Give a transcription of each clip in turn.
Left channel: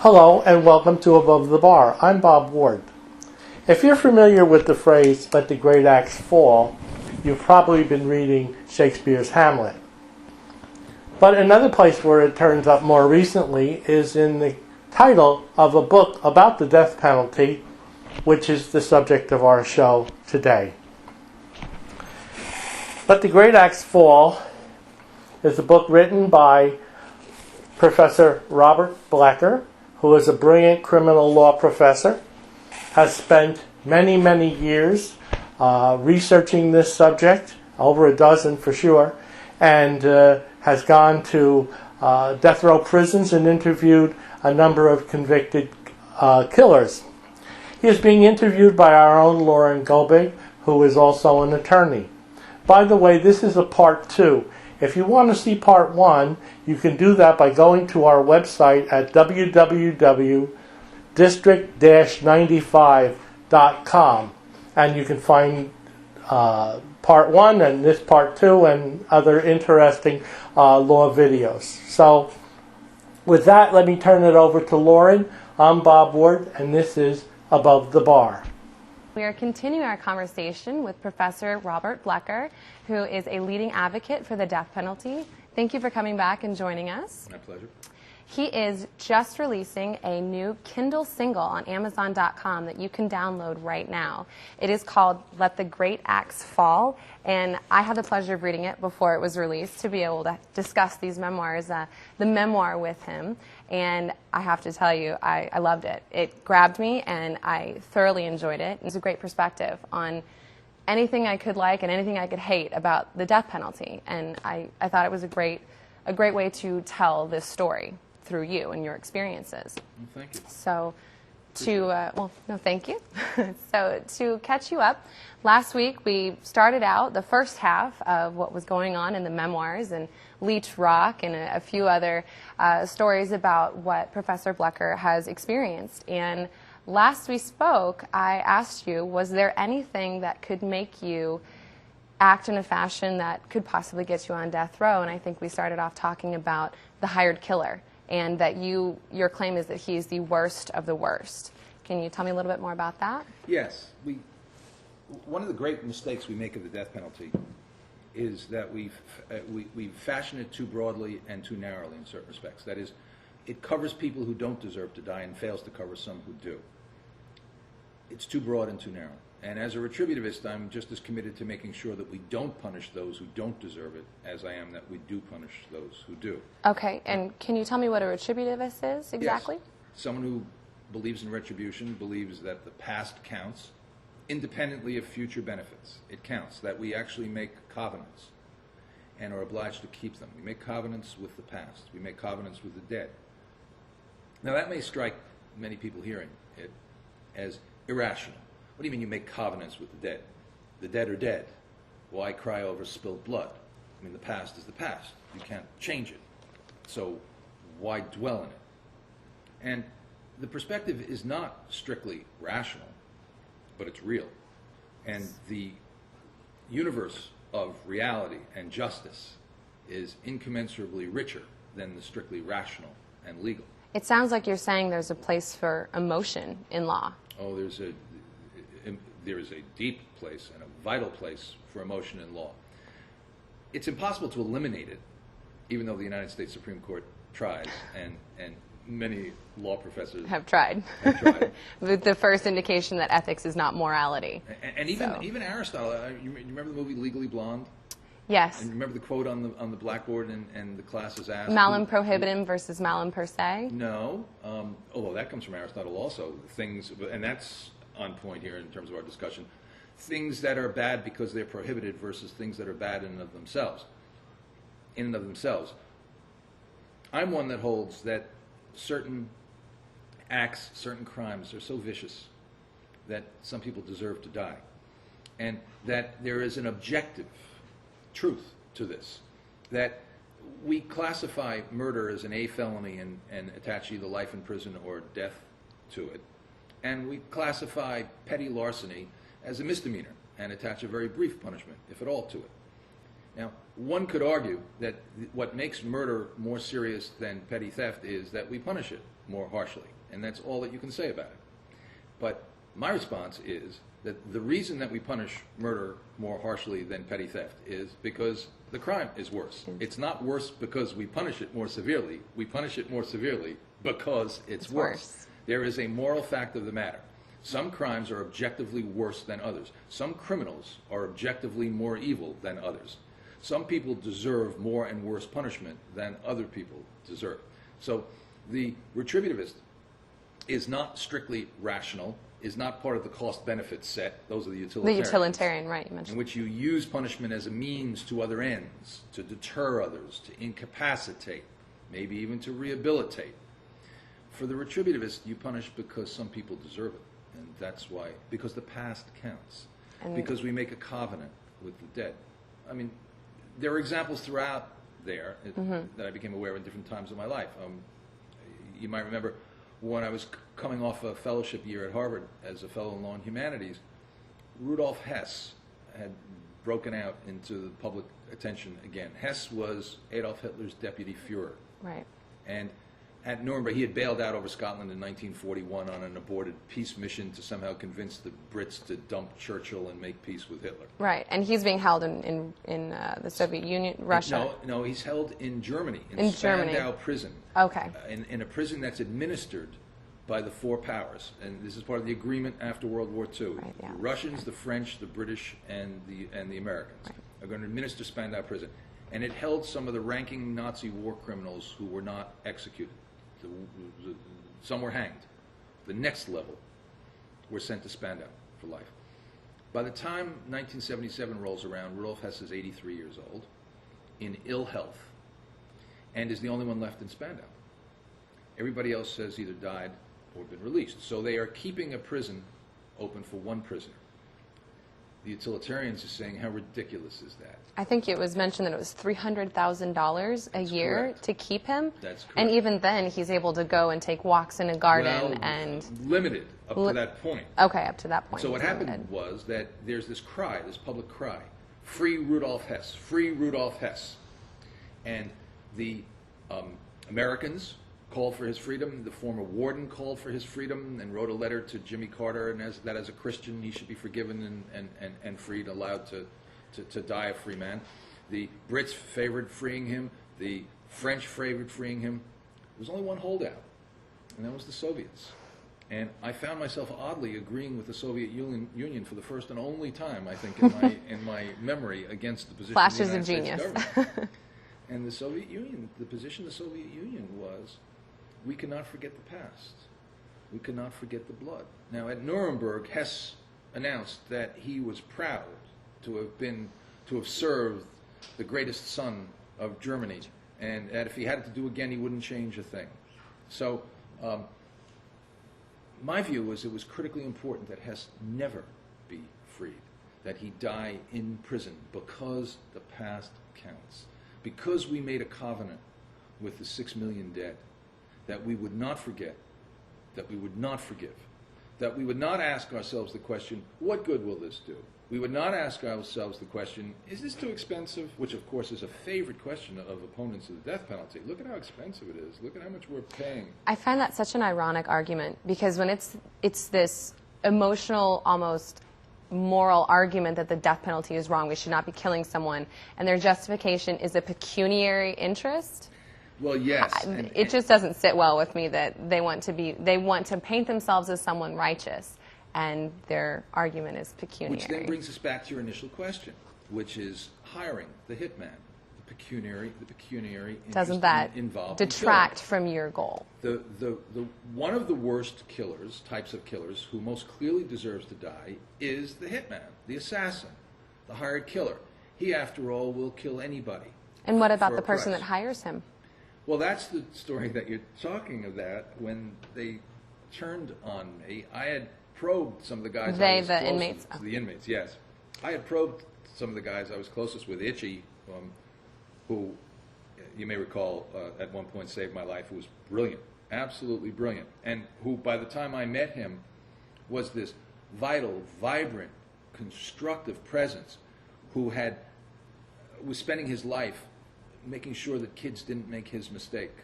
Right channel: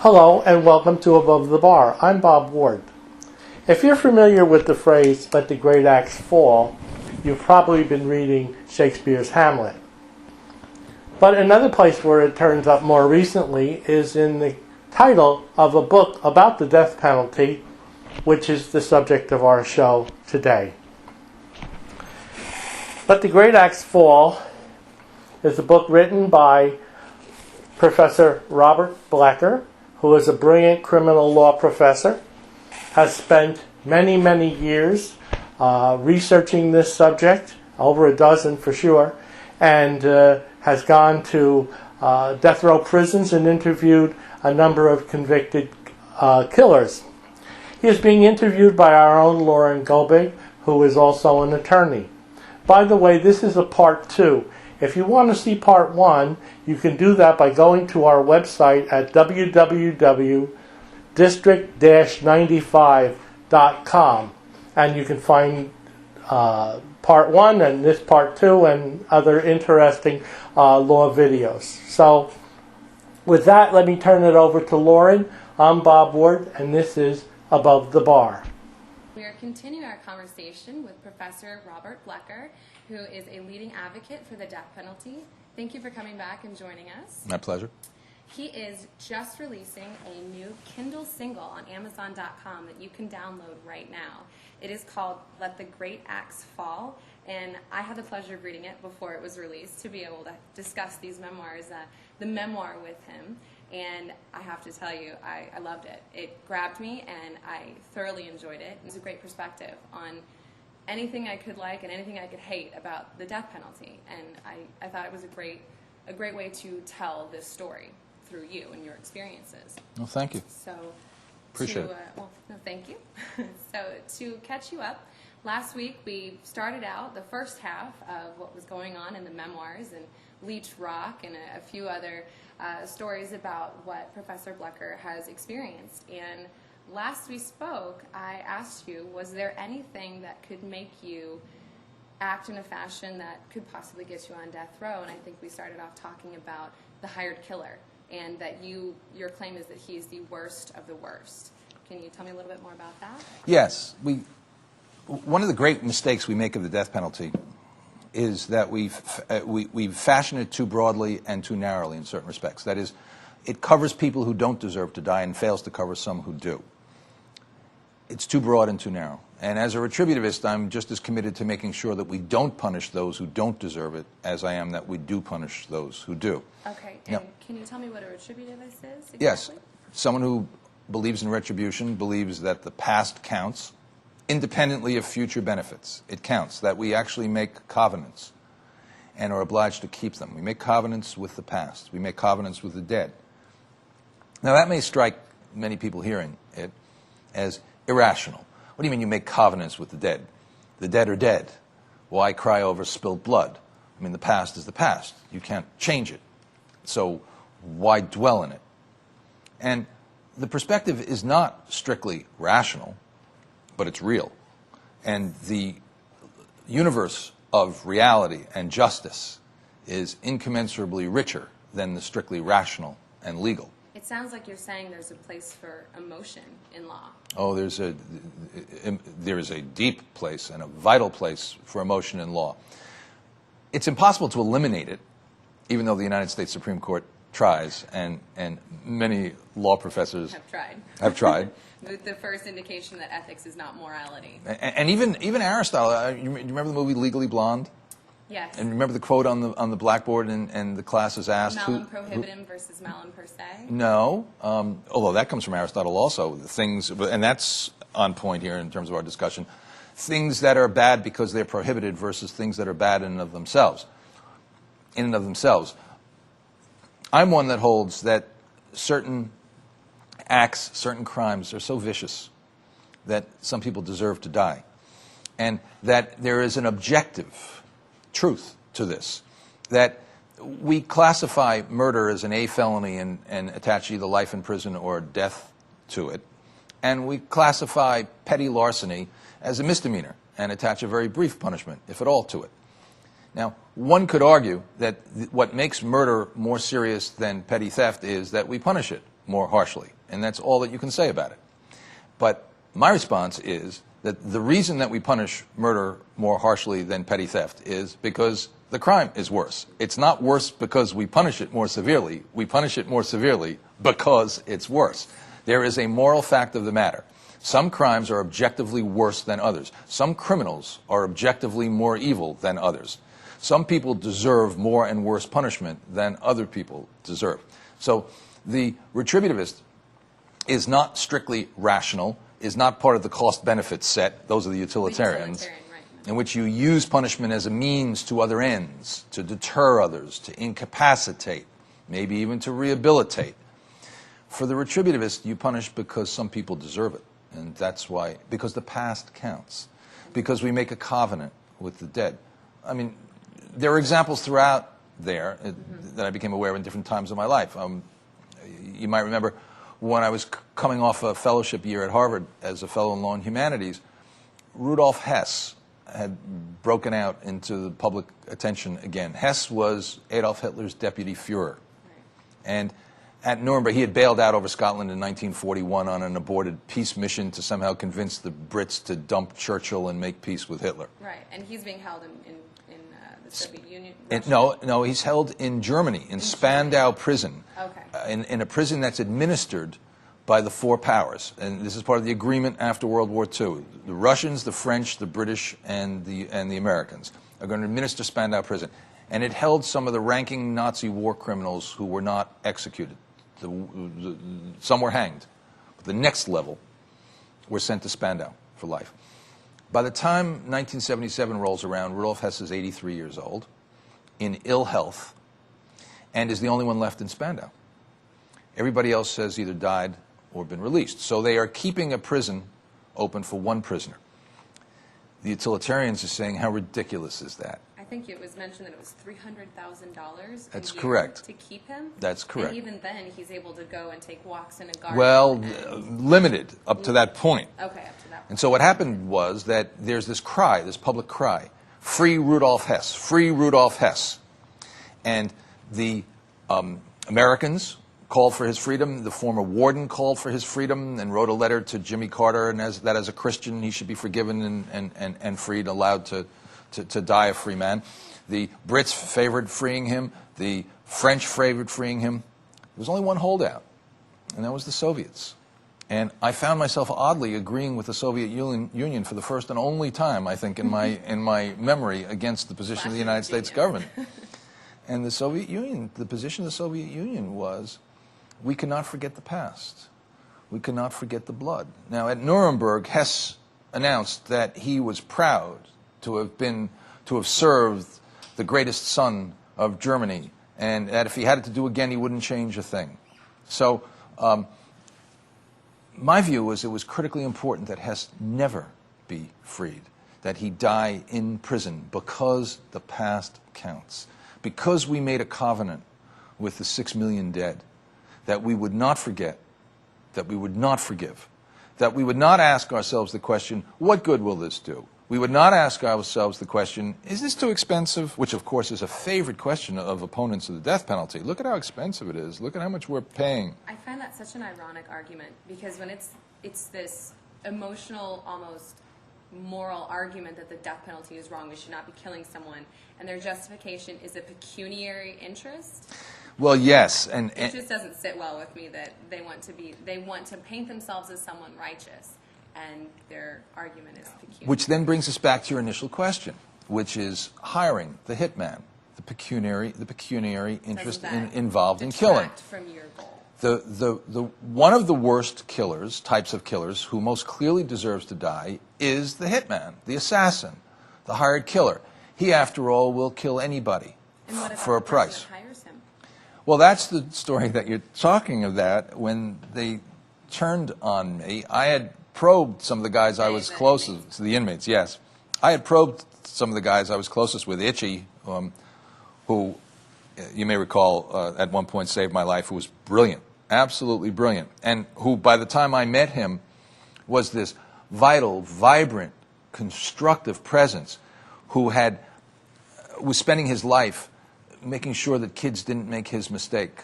Hello and welcome to Above the Bar. I'm Bob Ward. If you're familiar with the phrase, let the great axe fall, you've probably been reading Shakespeare's Hamlet. But another place where it turns up more recently is in the title of a book about the death penalty, which is the subject of our show today. Let the Great Axe Fall is a book written by Professor Robert Blecker, who is a brilliant criminal law professor, has spent many years researching this subject, over a dozen for sure, and has gone to death row prisons and interviewed a number of convicted killers. He is being interviewed by our own Lauren Gobig, who is also an attorney. By the way, this is a part 2. If you want to see part 1, you can do that by going to our website at www.district-95.com, and you can find part 1 and this part 2 and other interesting law videos. So with that, let me turn it over to Lauren. I'm Bob Ward, and this is Above the Bar. We are continuing our conversation with Professor Robert Blecker, who is a leading advocate for the death penalty. Thank you for coming back and joining us. My pleasure. He is just releasing a new Kindle single on Amazon.com that you can download right now. It is called Let the Great Axe Fall, and I had the pleasure of reading it before it was released to be able to discuss these memoirs, the memoir with him. And I have to tell you, I loved it. It grabbed me, and I thoroughly enjoyed it. It's a great perspective on anything I could like and anything I could hate about the death penalty. And I thought it was a great way to tell this story through you and your experiences. Well, thank you. So, thank you. So, to catch you up, last week we started out the first half of what was going on in the memoirs and Leech Rock and a few other stories about what Professor Blecker has experienced. And last we spoke, I asked you, was there anything that could make you act in a fashion that could possibly get you on death row? And I think we started off talking about the hired killer, and that your claim is that he's the worst of the worst. Can you tell me a little bit more about that? Yes. One of the great mistakes we make of the death penalty is that we've fashioned it too broadly and too narrowly in certain respects. That is, it covers people who don't deserve to die and fails to cover some who do. It's too broad and too narrow. And as a retributivist, I'm just as committed to making sure that we don't punish those who don't deserve it as I am that we do punish those who do. Okay, and Can you tell me what a retributivist is exactly? Yes. Someone who believes in retribution believes that the past counts independently of future benefits. It counts, that we actually make covenants and are obliged to keep them. We make covenants with the past. We make covenants with the dead. Now, that may strike many people hearing it as irrational. What do you mean you make covenants with the dead? The dead are dead. Why cry over spilled blood? I mean, the past is the past. You can't change it. So why dwell in it? And the perspective is not strictly rational, but it's real. And the universe of reality and justice is incommensurably richer than the strictly rational and legal. It sounds like you're saying there's a place for emotion in law. Oh, there is a deep place and a vital place for emotion in law. It's impossible to eliminate it, even though the United States Supreme Court tries, and many law professors have tried. With the first indication that ethics is not morality. And even Aristotle, you remember the movie Legally Blonde? Yes. And remember the quote on the blackboard, and the class is asked... Malum prohibitum versus malum per se? No, although that comes from Aristotle also. And that's on point here in terms of our discussion. Things that are bad because they're prohibited versus things that are bad in and of themselves. I'm one that holds that certain acts, certain crimes are so vicious that some people deserve to die. And that there is an objective truth to this, that we classify murder as an A felony and attach either life in prison or death to it, and we classify petty larceny as a misdemeanor and attach a very brief punishment, if at all, to it. Now, one could argue that what makes murder more serious than petty theft is that we punish it more harshly. And that's all that you can say about it. But my response is that the reason that we punish murder more harshly than petty theft is because the crime is worse. It's not worse because we punish it more severely. We punish it more severely because it's worse. There is a moral fact of the matter. Some crimes are objectively worse than others. Some criminals are objectively more evil than others. Some people deserve more and worse punishment than other people deserve. So the retributivist is not strictly rational, is not part of the cost-benefit set. Those are the utilitarians. The utilitarian, right. You mentioned. In which you use punishment as a means to other ends, to deter others, to incapacitate, maybe even to rehabilitate. For the retributivist, you punish because some people deserve it. And that's why, because the past counts. Because we make a covenant with the dead. I mean, there are examples throughout there that I became aware of in different times of my life. You might remember when I was coming off a fellowship year at Harvard as a fellow in law and humanities, Rudolf Hess had broken out into the public attention again. Hess was Adolf Hitler's deputy Führer. Right. And at Nuremberg, he had bailed out over Scotland in 1941 on an aborted peace mission to somehow convince the Brits to dump Churchill and make peace with Hitler. Right, and he's being held in the Soviet Union, Russia. No, he's held in Germany, in Spandau prison. Okay. In a prison that's administered by the four powers. And this is part of the agreement after World War II. Right, yeah. The Russians, the French, the British, and the Americans are going to administer Spandau prison. And it held some of the ranking Nazi war criminals who were not executed. Some were hanged. The next level were sent to Spandau for life. By the time 1977 rolls around, Rudolf Hess is 83 years old, in ill health, and is the only one left in Spandau. Everybody else has either died or been released. So they are keeping a prison open for one prisoner. The utilitarians are saying, how ridiculous is that? I think it was mentioned that it was $300,000 a year correct. To keep him. That's correct. And even then, he's able to go and take walks in a garden. Well, and limited up to that point. Okay, up to that point. And so what happened was that there's this cry, this public cry, free Rudolf Hess, free Rudolf Hess. And the Americans called for his freedom. The former warden called for his freedom and wrote a letter to Jimmy Carter, and that as a Christian he should be forgiven and freed, allowed to die a free man. The Brits favored freeing him. The French favored freeing him. There was only one holdout, and that was the Soviets. And I found myself oddly agreeing with the Soviet Union for the first and only time, I think, in my memory against the position of the United States government. And the Soviet Union, the position of the Soviet Union was, we cannot forget the past. We cannot forget the blood. Now, at Nuremberg, Hess announced that he was proud to have served the greatest son of Germany, and that if he had it to do again, he wouldn't change a thing. So, my view was it was critically important that Hess never be freed, that he die in prison, because the past counts. Because we made a covenant with the 6 million dead, that we would not forget, that we would not forgive, that we would not ask ourselves the question, what good will this do? We would not ask ourselves the question, is this too expensive? Which, of course, is a favorite question of opponents of the death penalty. Look at how expensive it is. Look at how much we're paying. I find that such an ironic argument, because when it's this emotional, almost moral argument that the death penalty is wrong, we should not be killing someone, and their justification is a pecuniary interest. Well, yes, it just doesn't sit well with me that they want to paint themselves as someone righteous, and their argument is pecuniary. Which then brings us back to your initial question, which is hiring the hitman, the pecuniary interest involved in killing. Detract from your goal. One of the worst types of killers, who most clearly deserves to die, is the hitman, the assassin, the hired killer. He, after all, will kill anybody. And what about the person price. that hires him? Well, that's the story that you're talking about. When they turned on me, I had probed some of the guys I was closest to, the inmates, yes. I had probed some of the guys I was closest with, Itchy, who you may recall at one point saved my life, who was brilliant, absolutely brilliant, and who, by the time I met him, was this vital, vibrant, constructive presence who was spending his life making sure that kids didn't make his mistake.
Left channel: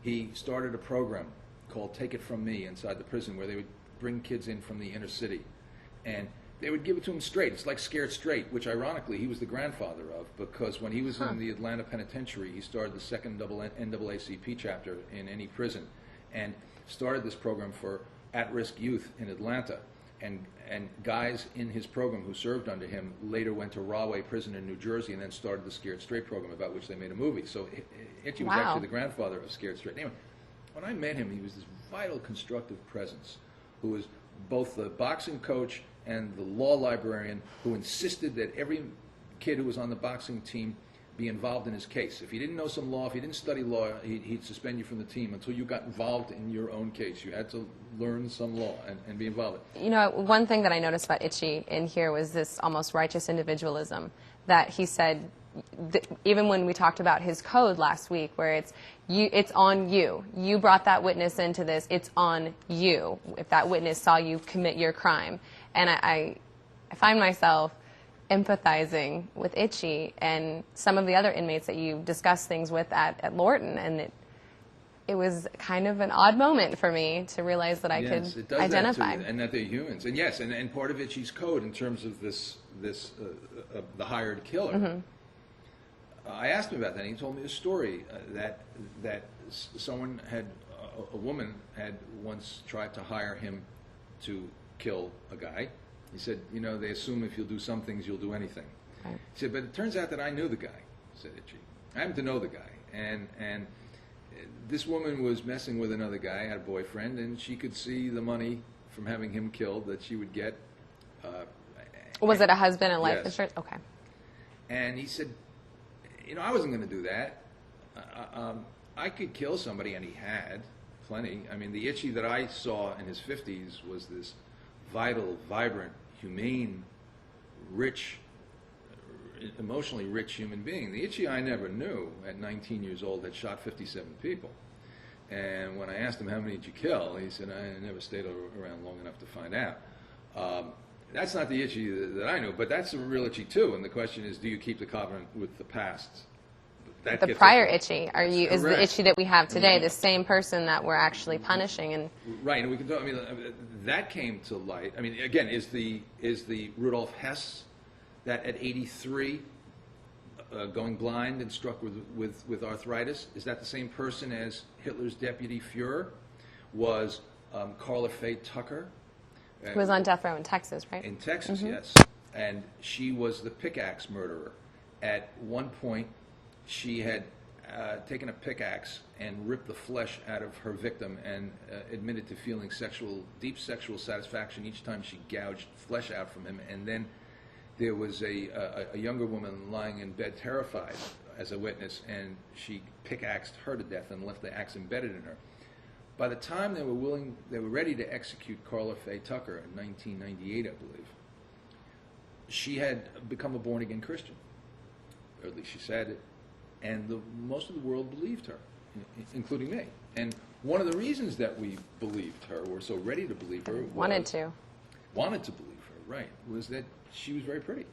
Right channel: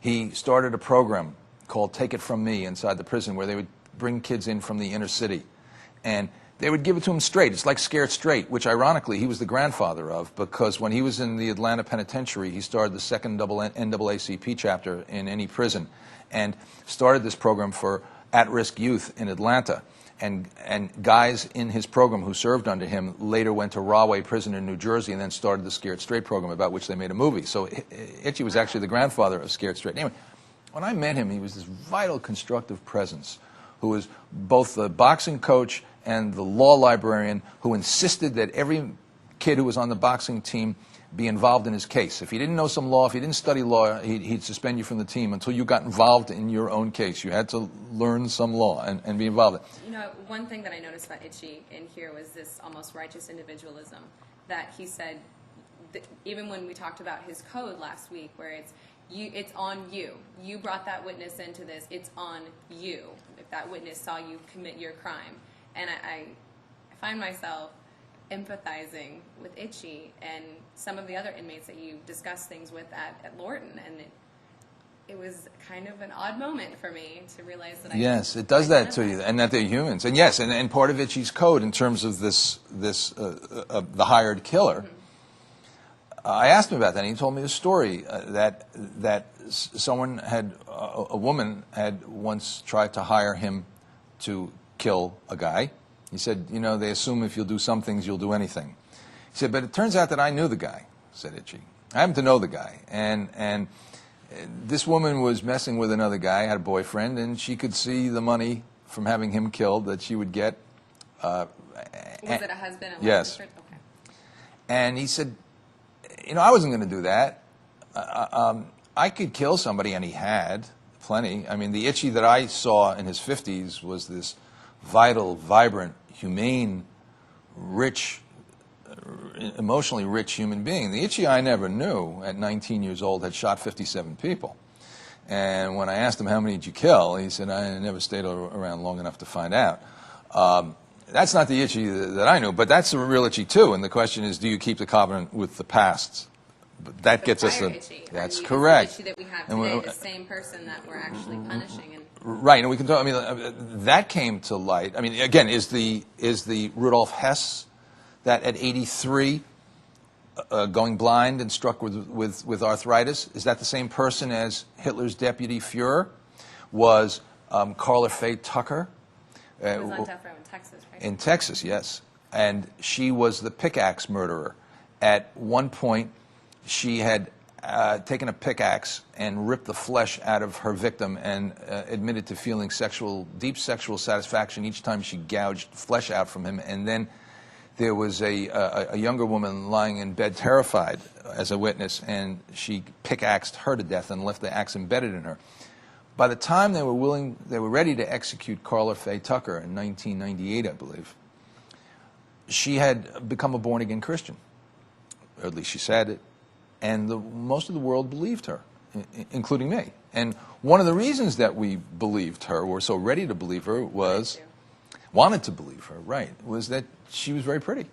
He started a program called Take It From Me inside the prison, where they would bring kids in from the inner city, and they would give it to him straight. It's like Scared Straight, which ironically he was the grandfather of, because when he was in the Atlanta penitentiary, he started the second NAACP chapter in any prison, and started this program for at-risk youth in Atlanta. And guys in his program who served under him later went to Rahway Prison in New Jersey and then started the Scared Straight program, about which they made a movie. So Itchy was actually the grandfather of Scared Straight. Anyway, when I met him, he was this vital, constructive presence who was both the boxing coach and the law librarian, who insisted that every kid who was on the boxing team be involved in his case. If he didn't know some law, if he didn't study law, he'd suspend you from the team until you got involved in your own case. You had to learn some law and be involved. You know, one thing that I noticed about Itchy in here was this almost righteous individualism that he said, even when we talked about his code last week, where it's on you. You brought that witness into this. It's on you if that witness saw you commit your crime. And I find myself empathizing with Itchy and some of the other inmates that you discussed things with at Lorton, and it was kind of an odd moment for me to realize that I yes, could it does identify. that to you, and that they're humans. And yes, and part of Itchy's code in terms of the hired killer. I asked him about that, and he told me a story that someone had, a woman had once tried to hire him to kill a guy. He said, you know, they assume if you'll do some things, you'll do anything. Right. He said, but it turns out that I knew the guy, said Itchy. I happen to know the guy. And this woman was messing with another guy, had a boyfriend, and she could see the money from having him killed that she would get. Was it a husband and life yes. insurance? Okay. And he said, you know, I wasn't going to do that. I could kill somebody, and he had plenty. I mean, the Itchy that I saw in his 50s was this vital, vibrant, humane, rich, emotionally rich human being. The Itchy I never knew at 19 years old had shot 57 people. And when I asked him, how many did you kill, he said, I never stayed around long enough to find out. That's not the Itchy that I knew, but that's the real Itchy too. And the question is, do you keep the covenant with the past? That the gets prior us Itchy. That's is correct. the Itchy that we have today the same person that we're actually punishing? And right, and we can talk. I mean, that came to light. I mean, again, is the Rudolf Hess that at 83, going blind and struck with arthritis? Is that the same person as Hitler's deputy Fuhrer? Was Carla Faye Tucker? Who was on death row in Texas, right? In Texas, yes. And she was the pickaxe murderer. At one point, she had taken a pickaxe and ripped the flesh out of her victim and admitted to feeling deep sexual satisfaction each time she gouged flesh out from him. And then there was a younger woman lying in bed terrified as a witness, and she pickaxed her to death and left the axe embedded in her. By the time they were ready to execute Carla Faye Tucker in 1998, I believe, she had become a born-again Christian. Or at least she said it. And most of the world believed her, including me. And one of the reasons that we believed her, were so ready to believe her, wanted to believe her, right, was that she was very pretty.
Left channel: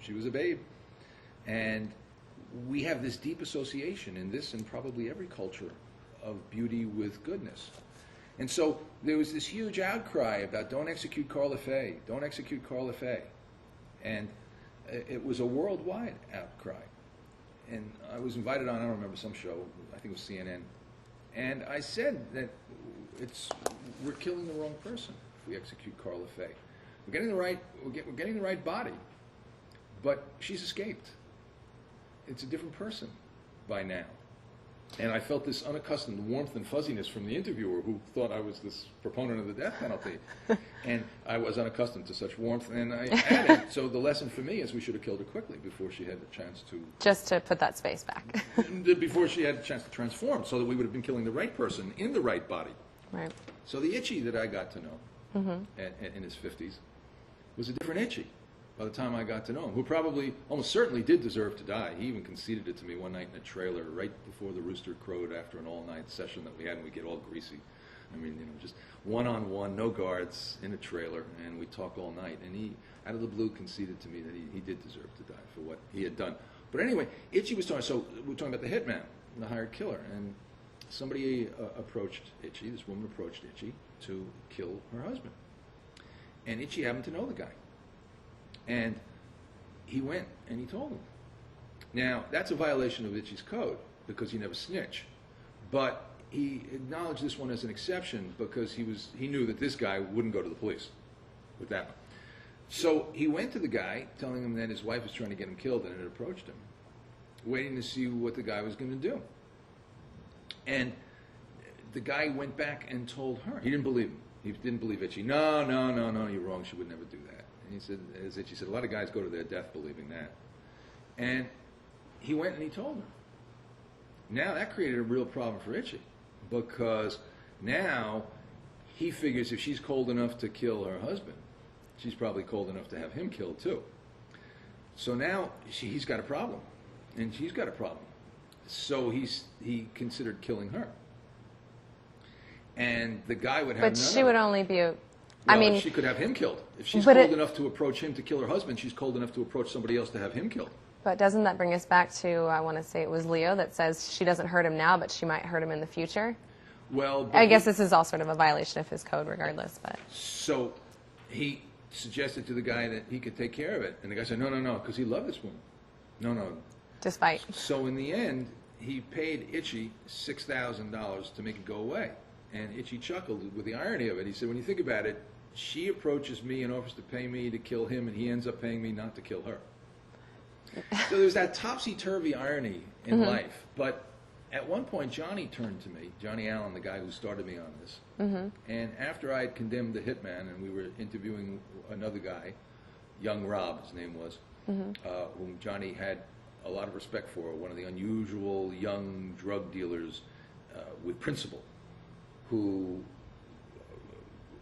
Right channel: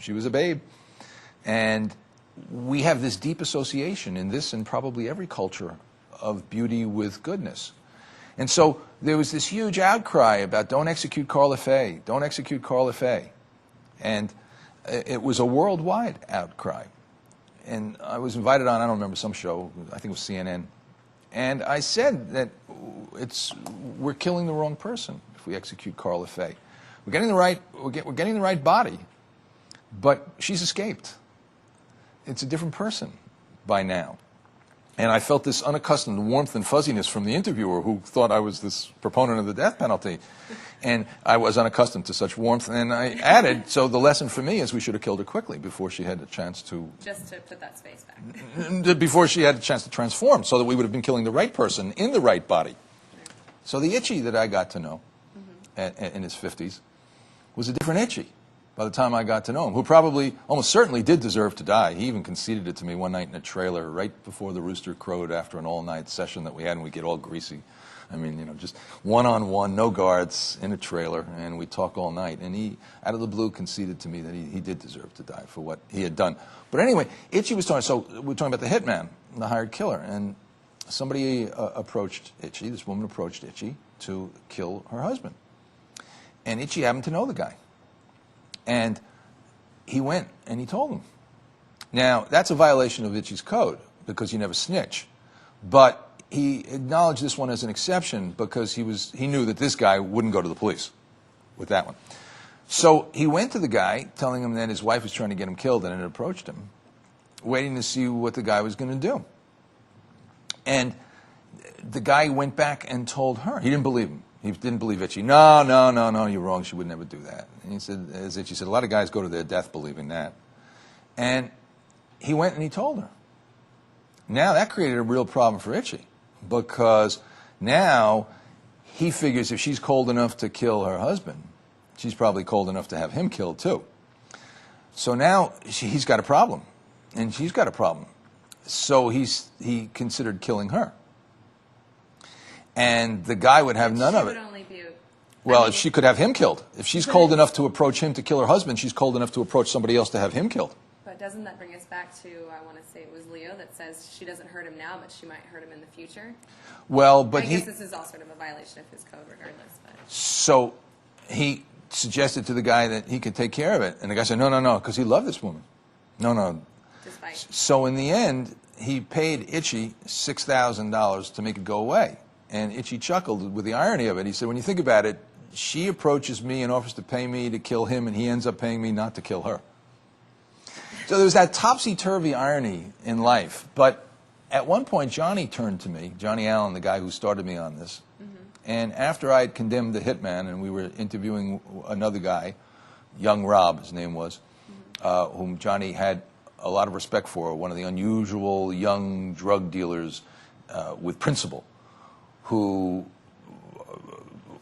She was a babe. And we have this deep association in this and probably every culture of beauty with goodness. And so there was this huge outcry about don't execute Carla Faye, don't execute Carla Faye. And it was a worldwide outcry. And I was invited on, I don't remember, some show, I think it was CNN. And I said that we're killing the wrong person if we execute Carla Faye. We're getting the right body, but she's escaped. It's a different person by now. And I felt this unaccustomed warmth and fuzziness from the interviewer, who thought I was this proponent of the death penalty. And I was unaccustomed to such warmth. And I added, so the lesson for me is we should have killed her quickly before she had a chance to... Just to put that space back. Before she had a chance to transform, so that we would have been killing the right person in the right body. Right. So the Itchy that I got to know in his 50s was a different Itchy by the time I got to know him, who probably, almost certainly did deserve to die. He even conceded it to me one night in a trailer right before the rooster crowed after an all-night session that we had, and we get all greasy. I mean, you know, just one-on-one, no guards, in a trailer, and we talk all night. And he, out of the blue, conceded to me that he did deserve to die for what he had done. But anyway, Itchy was talking, so we're talking about the hitman, the hired killer, and somebody approached Itchy, this woman approached Itchy to kill her husband. And Itchy happened to know the guy. And he went and he told him. Now, that's a violation of Itchy's code because you never snitch. But he acknowledged this one as an exception because he knew that this guy wouldn't go to the police with that one. So he went to the guy, telling him that his wife was trying to get him killed, and it approached him, waiting to see what the guy was going to do. And the guy went back and told her. He didn't believe him. He didn't believe Itchy. No, you're wrong. She would never do that. And he said, as Itchy said, a lot of guys go to their death believing that. And he went and he told her. Now that created a real problem for Itchy because now he figures if she's cold enough to kill her husband, she's probably cold enough to have him killed too. So now he's got a problem, and she's got a problem. So he considered killing her. And the guy would have none of it. She would only be well, she could have him killed. If she's cold enough to approach him to kill her husband, she's cold enough to approach somebody else to have him killed. But doesn't that bring us back to, I want to say it was Leo that says she doesn't hurt him now, but she might hurt him in the future? Well, but I guess this is all sort of a violation of his code regardless. But so he suggested to the guy that he could take care of it. And the guy said, no, because he loved this woman. No. Just fight. So in the end, he paid Itchy $6,000 to make it go away. And Itchy chuckled with the irony of it. He said, when you think about it, she approaches me and offers to pay me to kill him, and he ends up paying me not to kill her. So there's that topsy-turvy irony in life. But at one point, Johnny turned to me, Johnny Allen, the guy who started me on this. And after I had condemned the hitman, and we were interviewing another guy, young Rob, his name was, whom Johnny had a lot of respect for, one of the unusual young drug dealers with principle, who,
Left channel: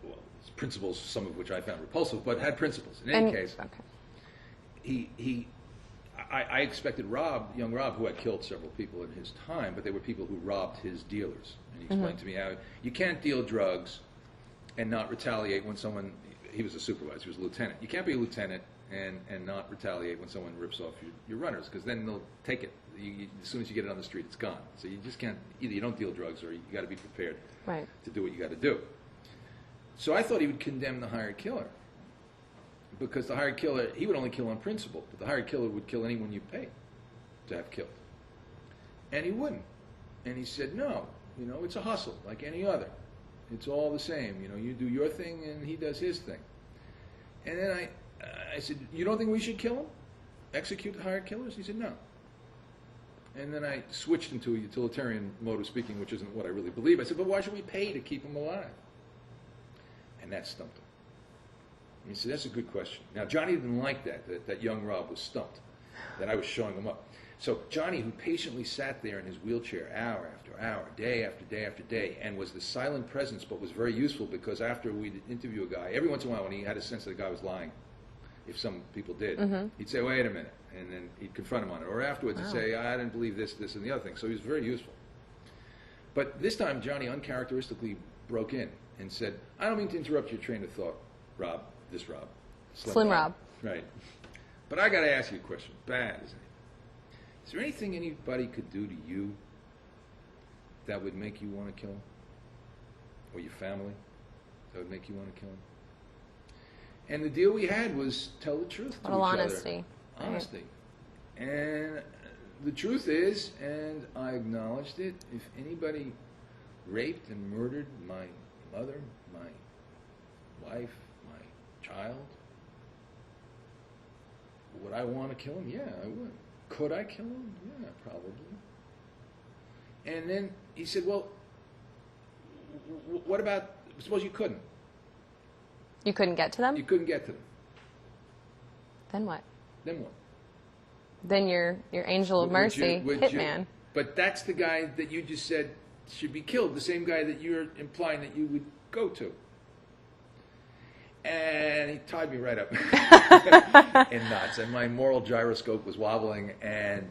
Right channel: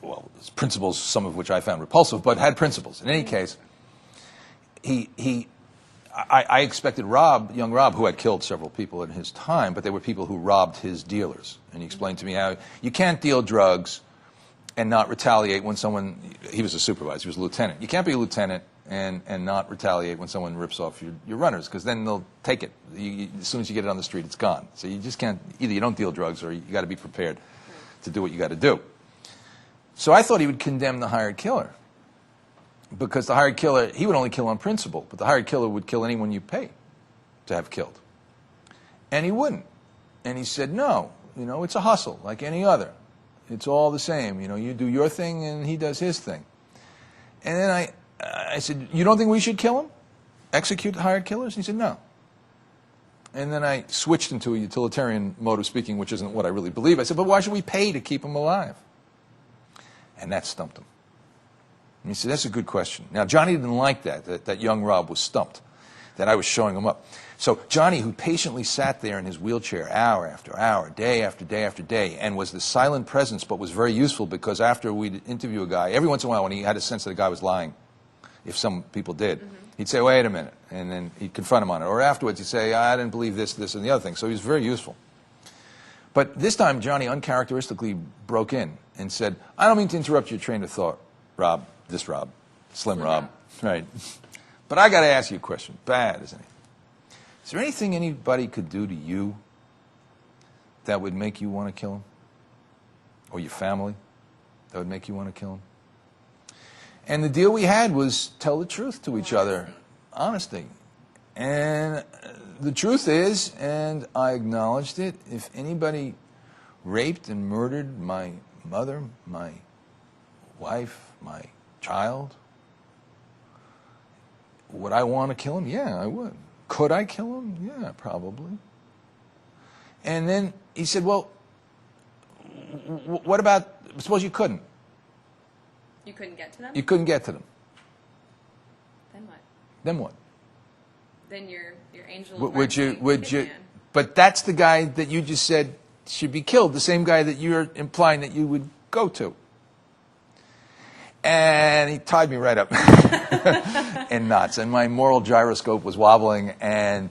well, his principles, some of which I found repulsive, but had principles. In any case, I expected Rob, young Rob, who had killed several people in his time, but they were people who robbed his dealers. And he explained to me how you can't deal drugs and not retaliate when someone, he was a supervisor, he was a lieutenant. You can't be a lieutenant and not retaliate when someone rips off your runners, because then they'll take it. As soon as you get it on the street, it's gone. So you just can't, either you don't deal drugs or you got to be prepared to do what you got to do. So I thought he would condemn the hired killer, because the hired killer, he would only kill on principle, but the hired killer would kill anyone you pay to have killed. And he wouldn't. And he said, no, it's a hustle like any other. It's all the same. You do your thing and he does his thing. And then I said, you don't think we should kill him? Execute the hired killers? And he said, no. And then I switched into a utilitarian mode of speaking, which isn't what I really believe. I said, but why should we pay to keep him alive? And that stumped him. And he said, that's a good question. Now, Johnny didn't like that young Rob was stumped, that I was showing him up. So Johnny, who patiently sat there in his wheelchair hour after hour, day after day after day, and was the silent presence, but was very useful, because after we'd interview a guy, every once in a while when he had a sense that the guy was lying, if some people did, he'd say, wait a minute, and then he'd confront him on it. Or afterwards he'd say, I didn't believe this, this, and the other thing. So he was very useful. But this time Johnny uncharacteristically broke in and said, I don't mean to interrupt your train of thought, Rob. This Rob. Slim Rob. Right. But I got to ask you a question. Bad, isn't it? Is there anything anybody could do to you that would make you want to kill him? Or your family that would make you want to kill him? And the deal we had was tell the truth to each other. Honesty. And the truth is, and I acknowledged it, if anybody raped and murdered my mother, my wife, my child, would I want to kill him? Yeah, I would. Could I kill him? Yeah, probably. And then he said, well, what about, suppose you couldn't? You couldn't get to them? You couldn't get to them. Then what? Then what? Then your angel of mercy, hitman. But that's the guy that you just said should be killed, the same guy that you're implying that you would go to. And he tied me right up in knots. And my moral gyroscope was wobbling, and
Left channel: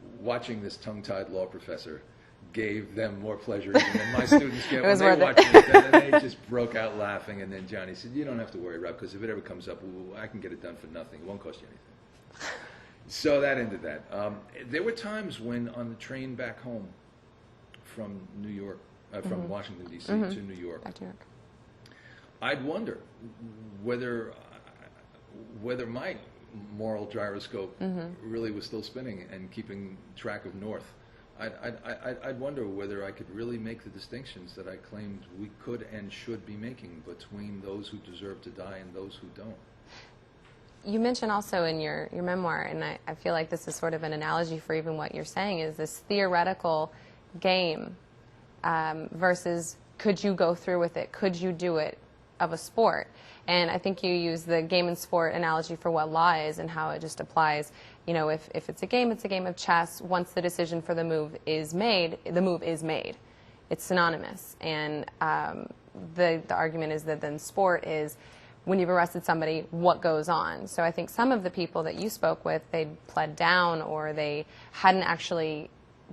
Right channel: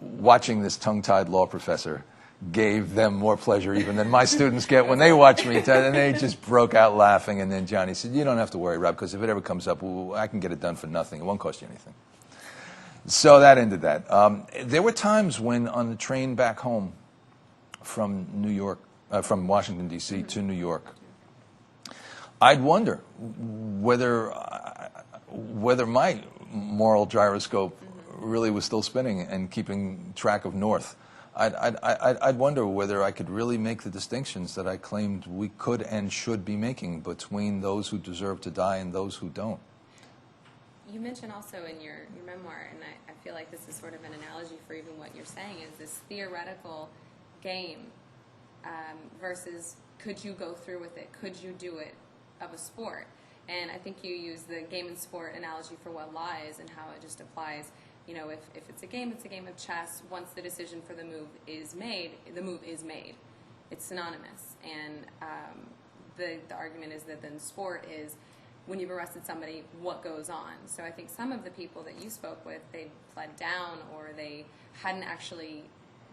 watching this tongue-tied law professor gave them more pleasure even than my students get when they watch me. And they just broke out laughing. And then Johnny said, you don't have to worry, Rob, because if it ever comes up, I can get it done for nothing. It won't cost you anything. So that ended that. There were times when on the train back home from New York, from Washington, D.C. to New York, Back to New York. I'd wonder whether my moral gyroscope really was still spinning and keeping track of north. I'd wonder whether I could really make the distinctions that I claimed we could and should be making between those who deserve to die and those who don't. You mentioned also in your memoir, and I feel like this is sort of an analogy for even what you're saying, is this theoretical game versus could you go through with it, could you do it, of a sport. And I think you use the game and sport analogy for what law is and how it just applies. You know, if it's a game of chess. Once the decision for the move is made, the move is made. It's synonymous. And the argument is that then sport is when you've arrested somebody, what goes on? So I think some of the people that you spoke with, they pled down or they hadn't actually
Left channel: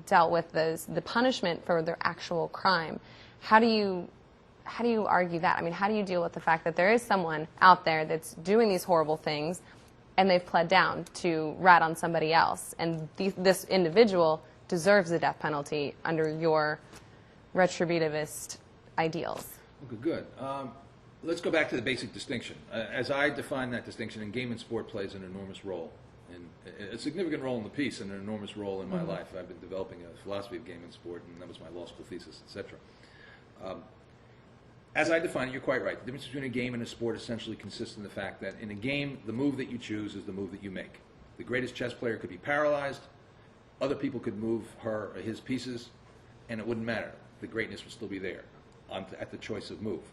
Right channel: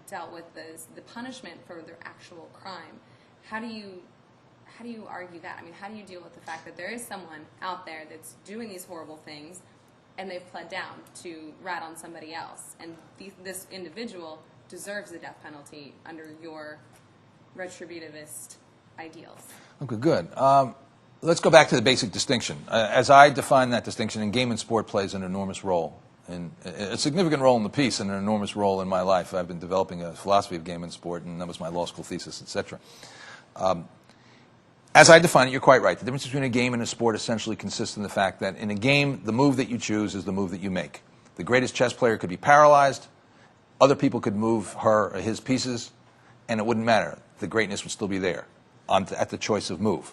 dealt with the punishment for their actual crime. How do you argue that? I mean, how do you deal with the fact that there is someone out there that's doing these horrible things and they've pled down to rat on somebody else, and this individual deserves the death penalty under your retributivist ideals? Okay, good. Let's go back to the basic distinction. As I define that distinction, and game and sport plays an enormous role, a significant role in the piece and an enormous role in my life. I've been developing a philosophy of game and sport, and that was my law school thesis, etc. As I define it, you're quite right. The difference between a game and a sport essentially consists in the fact that in a game, the move that you choose is the move that you make. The greatest chess player could be paralyzed. Other people could move her or his pieces, and it wouldn't matter. The greatness would still be there at the choice of move.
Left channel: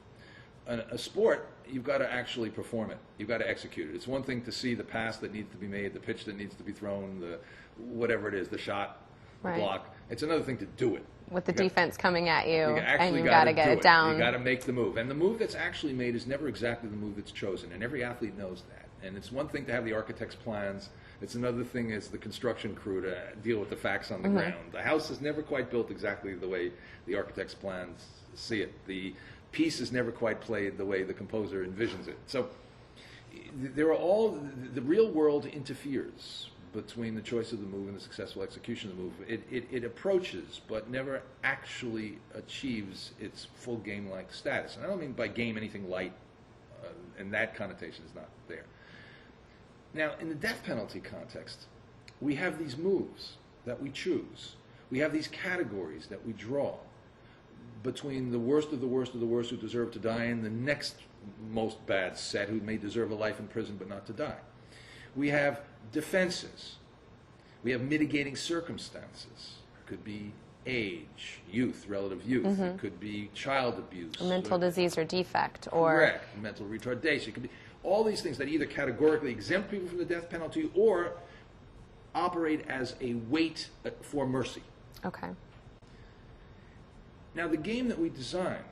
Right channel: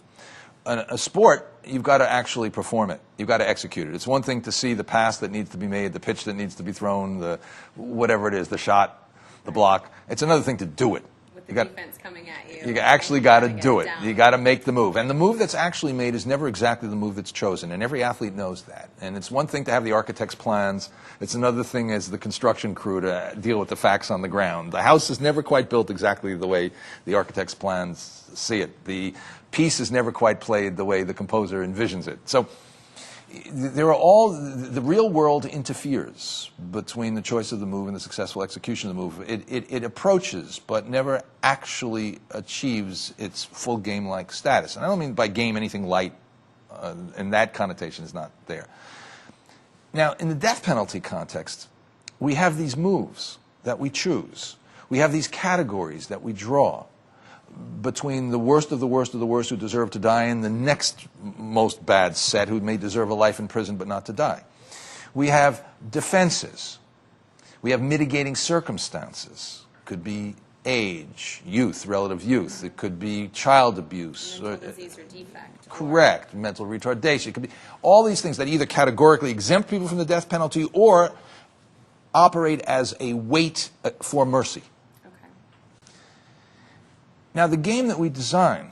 A sport, you've got to actually perform it. You've got to execute it. It's one thing to see the pass that needs to be made, the pitch that needs to be thrown, the whatever it is, the shot, the block. It's another thing to do it. With the defense coming at you. You actually got to do it. You got to make the move. And the move that's actually made is never exactly the move that's chosen. And every athlete knows that. And it's one thing to have the architect's plans. It's another thing as the construction crew to deal with the facts on the ground. The house is never quite built exactly the way the architect's plans see it. The piece is never quite played the way the composer envisions it. So there are the real world interferes between the choice of the move and the successful execution of the move. It approaches, but never actually achieves its full game-like status. And I don't mean by game anything light, and that connotation is not there. Now, in the death penalty context, we have these moves that we choose. We have these categories that we draw between the worst of the worst of the worst who deserve to die and the next most bad set who may deserve a life in prison but not to die. We have defenses. We have mitigating circumstances. Could be age, youth, relative youth. It could be child abuse. A mental disease or defect. Correct. Mental retardation. It could be all these things that either categorically exempt people from the death penalty or operate as a weight for mercy. Okay. Now, the game that we design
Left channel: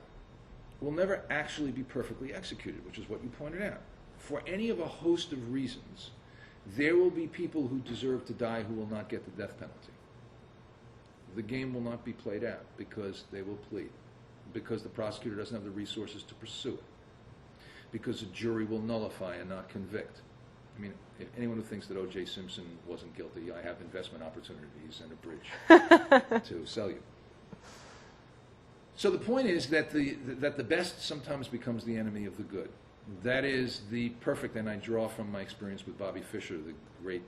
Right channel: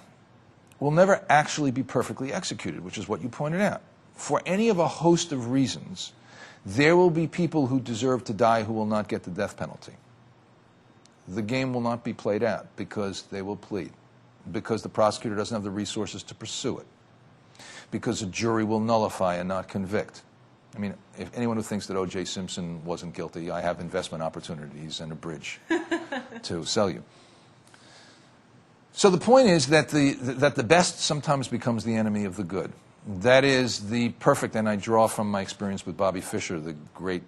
will never actually be perfectly executed, which is what you pointed out. For any of a host of reasons, there will be people who deserve to die who will not get the death penalty. The game will not be played out because they will plead, because the prosecutor doesn't have the resources to pursue it, because a jury will nullify and not convict. I mean, if anyone who thinks that O.J. Simpson wasn't guilty, I have investment opportunities and a bridge to sell you. So the point is that the best sometimes becomes the enemy of the good. That is the perfect, and I draw from my experience with Bobby Fischer, the great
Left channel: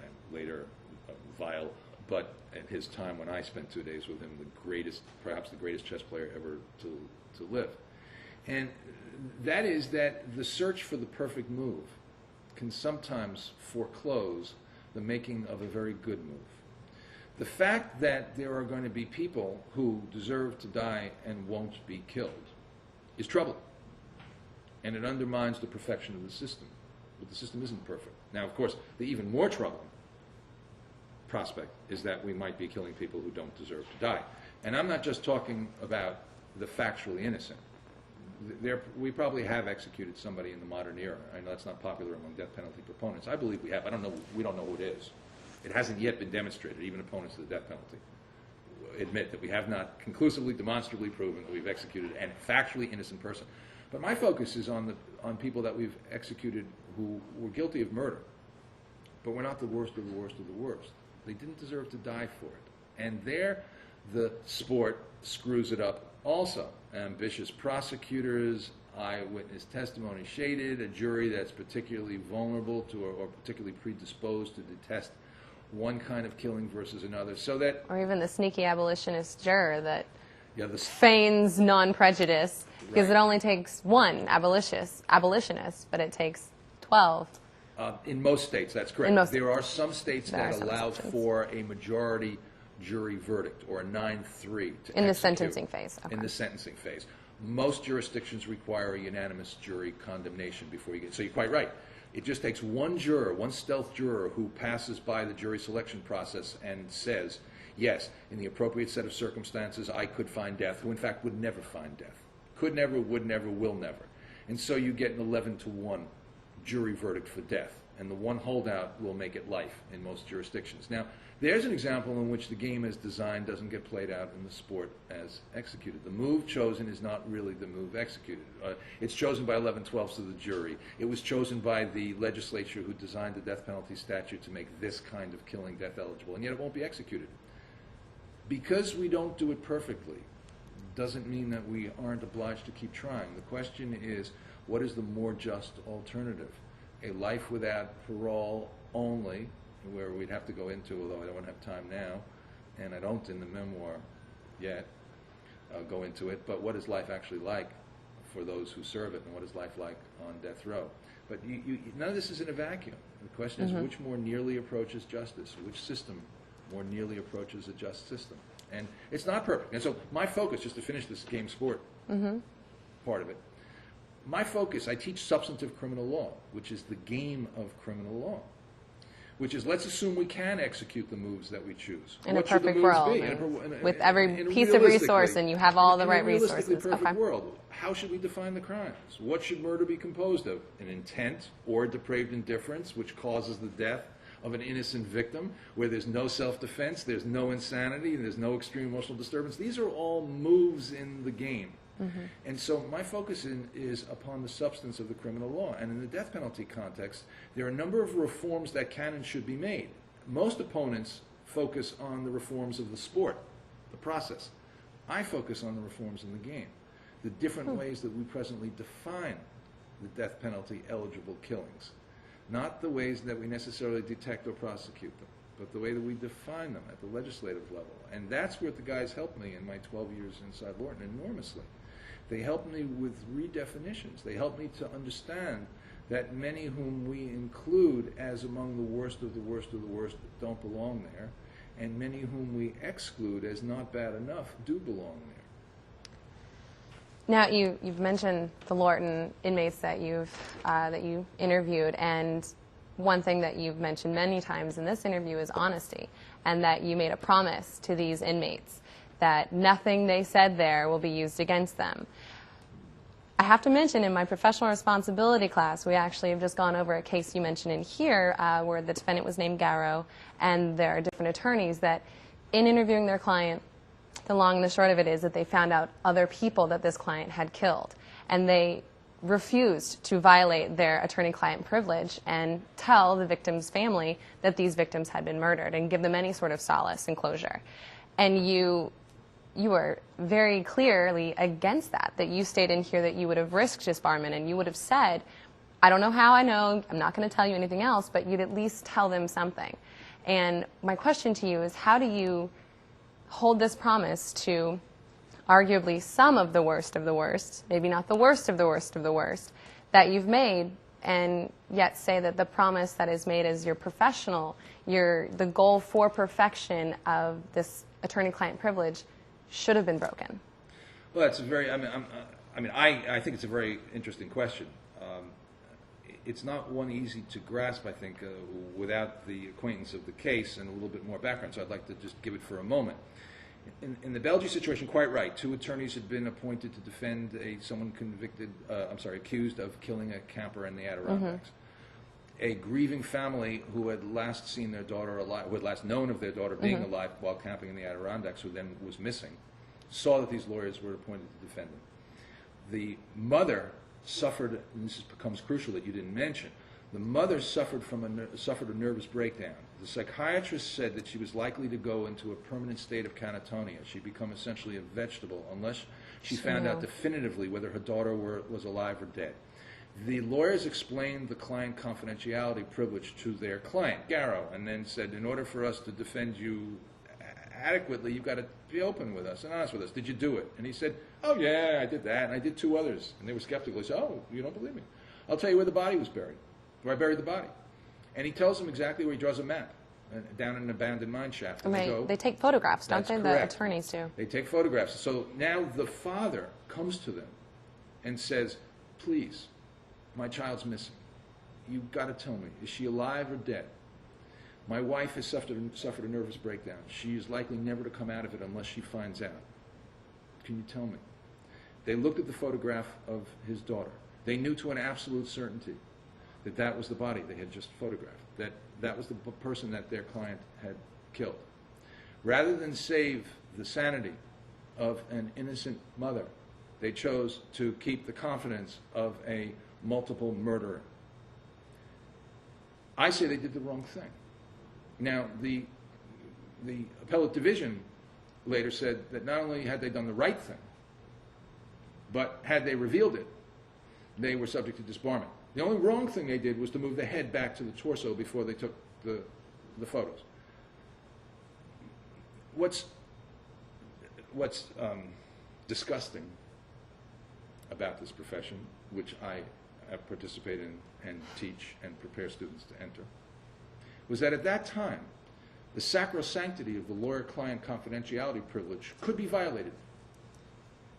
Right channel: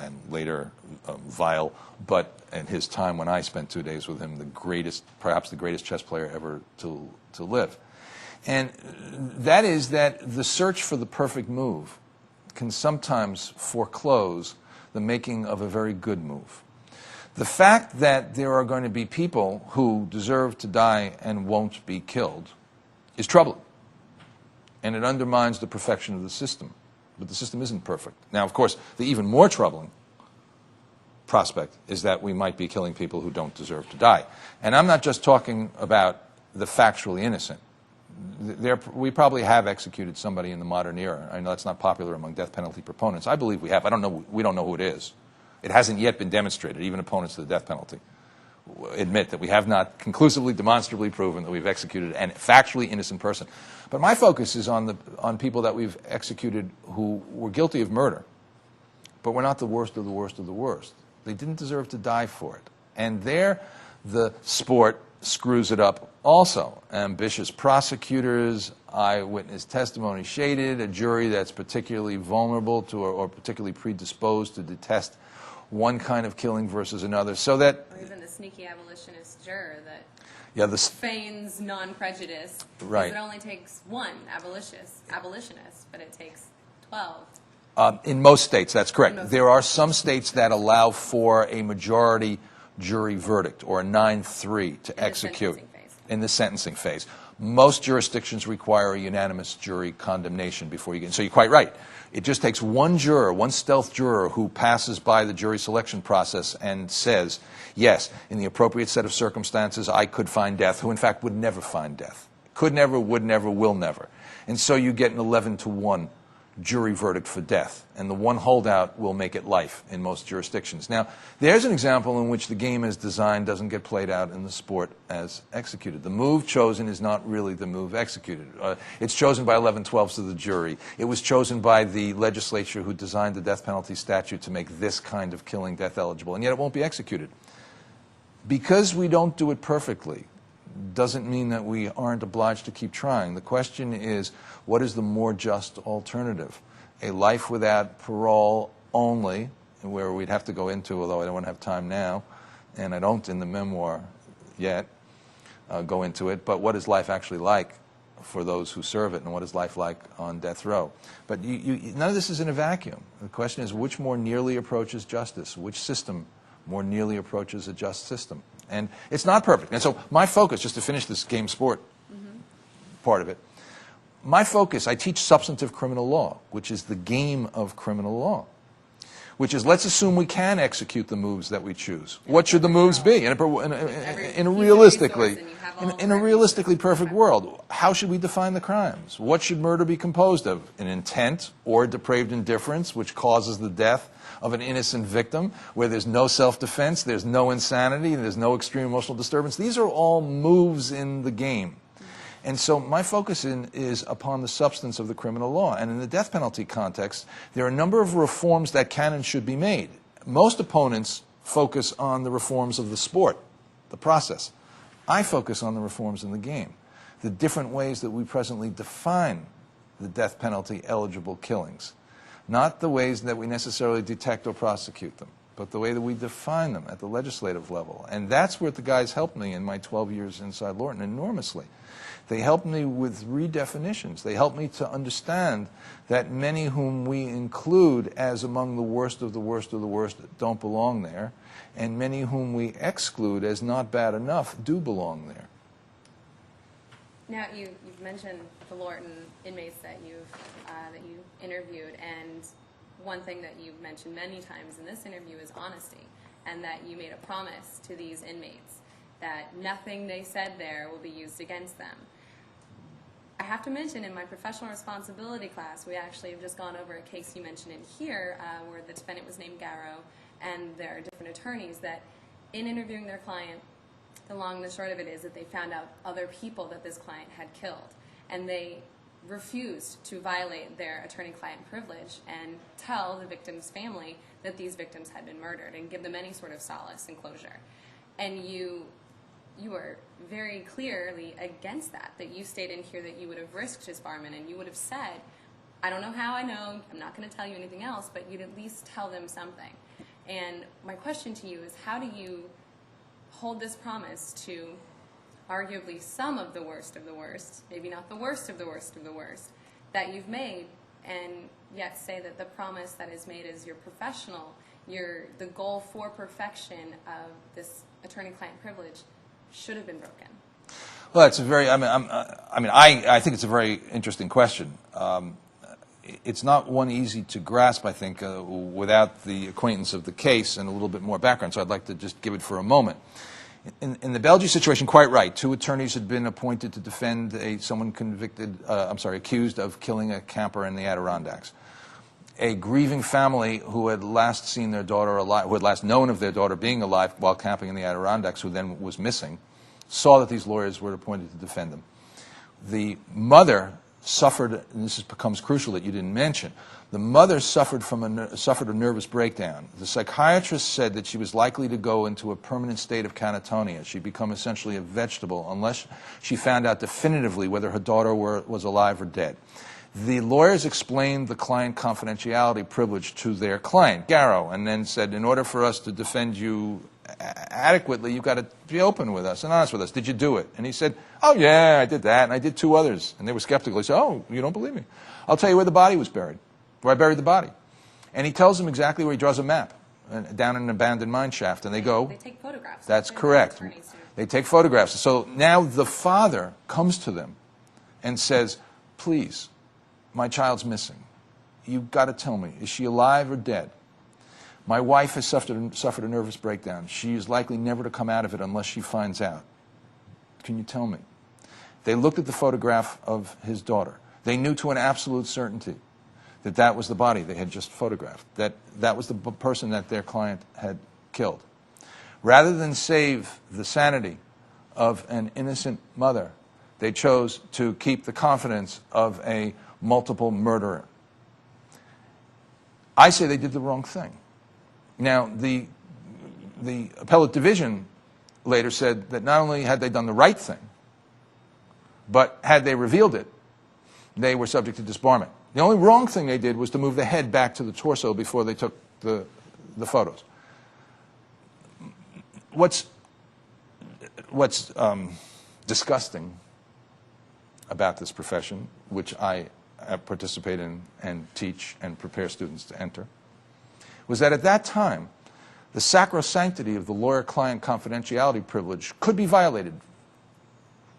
and later vile, but in his time when I spent 2 days with him, the greatest, perhaps the greatest chess player ever to live. And that is that the search for the perfect move can sometimes foreclose the making of a very good move. The fact that there are going to be people who deserve to die and won't be killed is troubling. And it undermines the perfection of the system. But the system isn't perfect. Now, of course, the even more troubling prospect is that we might be killing people who don't deserve to die. And I'm not just talking about the factually innocent. We probably have executed somebody in the modern era. I know that's not popular among death penalty proponents. I believe we have. I don't know. We don't know who it is. It hasn't yet been demonstrated. Even opponents to the death penalty admit that we have not conclusively, demonstrably proven that we've executed a factually innocent person. But my focus is on people that we've executed who were guilty of murder, but were not the worst of the worst of the worst. They didn't deserve to die for it. And there, the sport screws it up also. Ambitious prosecutors, eyewitness testimony shaded, a jury that's particularly vulnerable to or particularly predisposed to detest one kind of killing versus another, so that... Or even the sneaky abolitionist juror that Yeah, feigns non-prejudice, because Right. it only takes one abolitionist, but it takes 12. in most states, that's correct. In most There are some states There that are some allow states. for a majority jury verdict, or a 9-3 to In the execute. sentencing phase, In okay. the sentencing phase. Most jurisdictions require a unanimous jury condemnation before you get... So you're quite right. It just takes one juror, one stealth juror, who passes by the jury selection process and says, yes, in the appropriate set of circumstances, I could find death, who in fact would never find death. Could never, would never, will never. And so you get an 11-to-1 jury verdict for death, and the one holdout will make it life in most jurisdictions. Now, there's an example in which the game as designed doesn't get played out in the sport as executed. The move chosen is not really the move executed. It's chosen by 11/12ths of the jury. It was chosen by the legislature who designed the death penalty statute to make this kind of killing death eligible, and yet it won't be executed. Because we don't do it perfectly doesn't mean that we aren't obliged to keep trying. The question is, what is the more just alternative? A life without parole only, where we'd have to go into, although I don't have time now, and I don't in the memoir yet go into it, but what is life actually like for those who serve it, and what is life like on death row? But none of this is in a vacuum. The question is, which more nearly approaches justice? Which system more nearly approaches a just system? And it's not perfect. And so my focus, just to finish this game sport part of it, my focus, I teach substantive criminal law, which is the game of criminal law, which is, let's assume we can execute the moves that we choose. What should the moves be? With every piece of realistically, resource, and you have all the in right a realistically resources. perfect Okay. world, how should we define the crimes? What should murder be composed of? An intent or depraved indifference, which causes the death of an innocent victim, where there's no self-defense, there's no insanity, there's no extreme emotional disturbance. These are all moves in the game. And so my focus is upon the substance of the criminal law. And in the death penalty context, there are a number of reforms that can and should be made. Most opponents focus on the reforms of the sport, the process. I focus on the reforms in the game, the different ways that we presently define the death penalty eligible killings. Not the ways that we necessarily detect or prosecute them, but the way that we define them at the legislative level. And that's where the guys helped me in my 12 years inside Lorton enormously. They helped me with redefinitions. They helped me to understand that many whom we include as among the worst of the worst of the worst don't belong there, and many whom we exclude as not bad enough do belong there. Now, you've mentioned the Lorton inmates that you interviewed, and one thing that you've mentioned many times in this interview is honesty, and that you made a promise to these inmates that nothing they said there will be used against them. I have to mention, in my professional responsibility class, we actually have just gone over a case you mentioned in here where the defendant was named Garrow, and there are different attorneys that, in interviewing their client, the long and the short of it is that they found out other people that this client had killed, and they refused to violate their attorney-client privilege and tell the victim's family that these victims had been murdered and give them any sort of solace and closure. And you were very clearly against that you stated in here that you would have risked disbarment, and you would have said, I don't know how I know, I'm not going to tell you anything else, but you'd at least tell them something. And my question to you is, how do you hold this promise to arguably some of the worst, maybe not the worst of the worst of the worst, that you've made, and yet say that the promise that is made as your professional, the goal for perfection of this attorney-client privilege should have been broken? Well, it's a very, I think it's a very interesting question. It's not one easy to grasp, I think, without the acquaintance of the case and a little bit more background, so I'd like to just give it for a moment. In the Belgian situation, quite right, 2 attorneys had been appointed to defend someone accused of killing a camper in the Adirondacks. A grieving family who had last seen their daughter alive, who had last known of their daughter being alive while camping in the Adirondacks, who then was missing, saw that these lawyers were appointed to defend them. The mother suffered, and this becomes crucial that you didn't mention, the mother suffered suffered a nervous breakdown. The psychiatrist said that she was likely to go into a permanent state of catatonia. She'd become essentially a vegetable unless she found out definitively whether her daughter was alive or dead. The lawyers explained the client confidentiality privilege to their client, Garrow, and then said, in order for us to defend you adequately, you've got to be open with us and honest with us. Did you do it? And he said, oh, yeah, I did that, and I did 2 others. And they were skeptical. He said, oh, you don't believe me? I'll tell you where the body was buried, where I buried the body. And he tells them exactly where he draws a map, down in an abandoned mine shaft. And they go. They take photographs. That's correct. The attorneys do. They take photographs. So now the father comes to them and says, please, my child's missing. You've got to tell me, is she alive or dead? My wife has suffered a nervous breakdown. She is likely never to come out of it unless she finds out. Can you tell me? They looked at the photograph of his daughter. They knew to an absolute certainty that that was the body they had just photographed, that that was the person that their client had killed. Rather than save the sanity of an innocent mother, they chose to keep the confidence of a multiple murderer. I say they did the wrong thing. Now, the appellate division later said that not only had they done the right thing, but had they revealed it, they were subject to disbarment. The only wrong thing they did was to move the head back to the torso before they took the photos. What's disgusting about this profession, which I participate in and teach and prepare students to enter, was that at that time, the sacrosanctity of the lawyer-client confidentiality privilege could be violated